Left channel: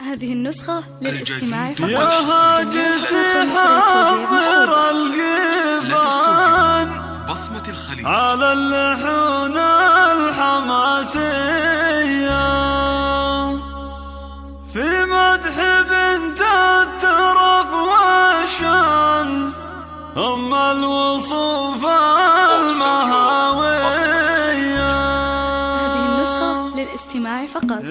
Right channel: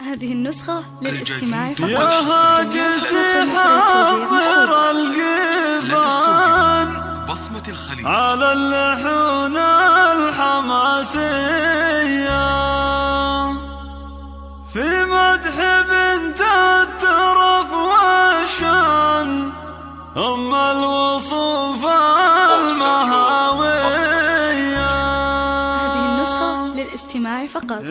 هذه النسخة للاستماع فقط. يا هاجس حضر القفان بصمة الخليج على اللحون الحماسية في مدح بنت الترف والشان أم الوصوف المهاوية. هذه النسخة للاستماع فقط.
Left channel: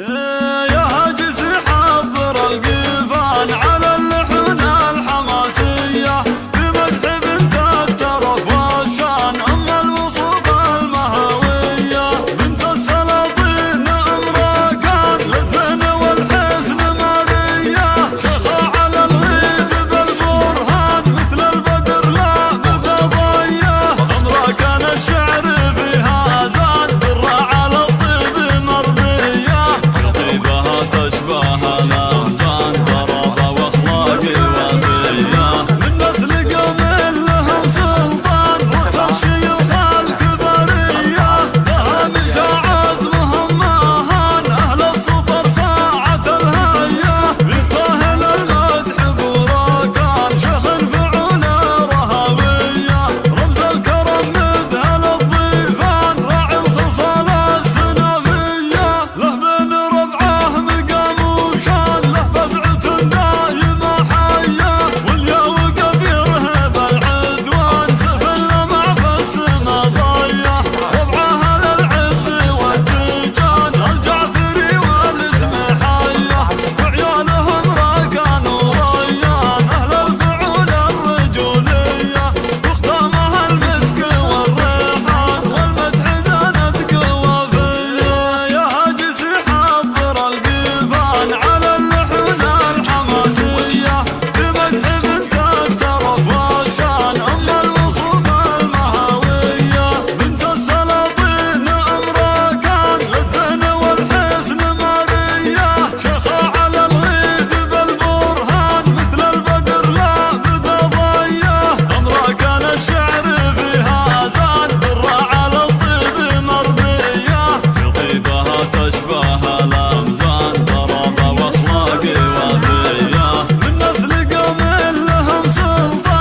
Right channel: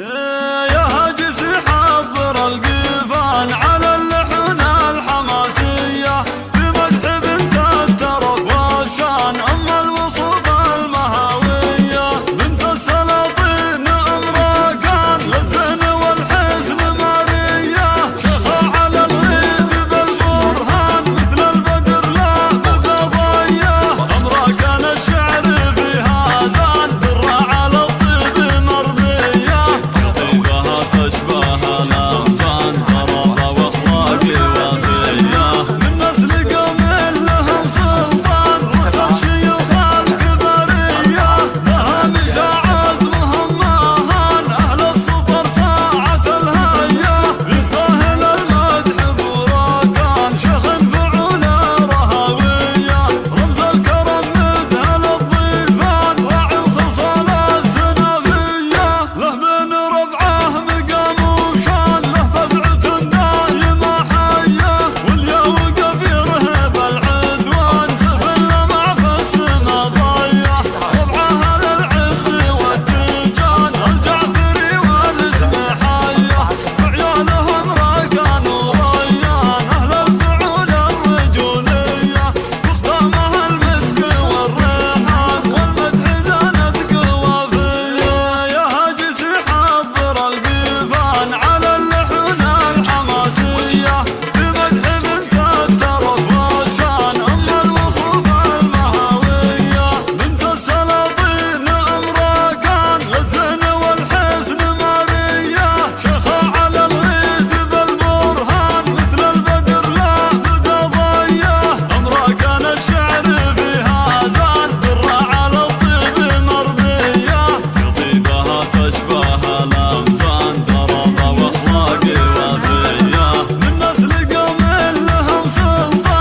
يا هاجس حضر القفان على اللحون الحماسية في مدح بنت الترف والشان أم الوصوف المهاوية. بنت السلاطين أمركان للزين والحسن مارية شخى على الغيث بالبرهان مثل البدر لا بدا ضيه. أمركان الشعر فيها زان درة على الطيب مربية طيبها تشبه الأمزان ضربة واخلاق وفية. من نسل قوم لهم سلطان رؤوس الشيوخ الكبرية لها مشى عزمهم مهان أهل السطر ساعة الهية. يستاهل المدح بوراكان شيخ فعول رهوية رمز الكرم مذهل الضيفان راعي الخصال السنافية. له بين ربعه مقام وشان له فزعة دايمة حية واليا وقف يرهب العدوان سفل مع فس ما ضيع. ربعه للعز والتيجان الجعفري والاسم حية وعيالهم راكان وريان أهل الفعول الرجولية واختامها المسك والريحان والمدح زانت قوافية. يا هاجس حضر القفان على اللحون الحماسية في مدح بنت الترف والشان أم الوصوف المهاوية. بنت السلاطين أمركان للزين والحسن مارية شخى على الغيد بالبرهان مثل البدر لا بدا ضيه. أمركان الشعر فيها زان درة على الطيب مربية في طيبها تشبه الأمزان ضربة واخلاق وفية. من نسل قوم لهم سلطان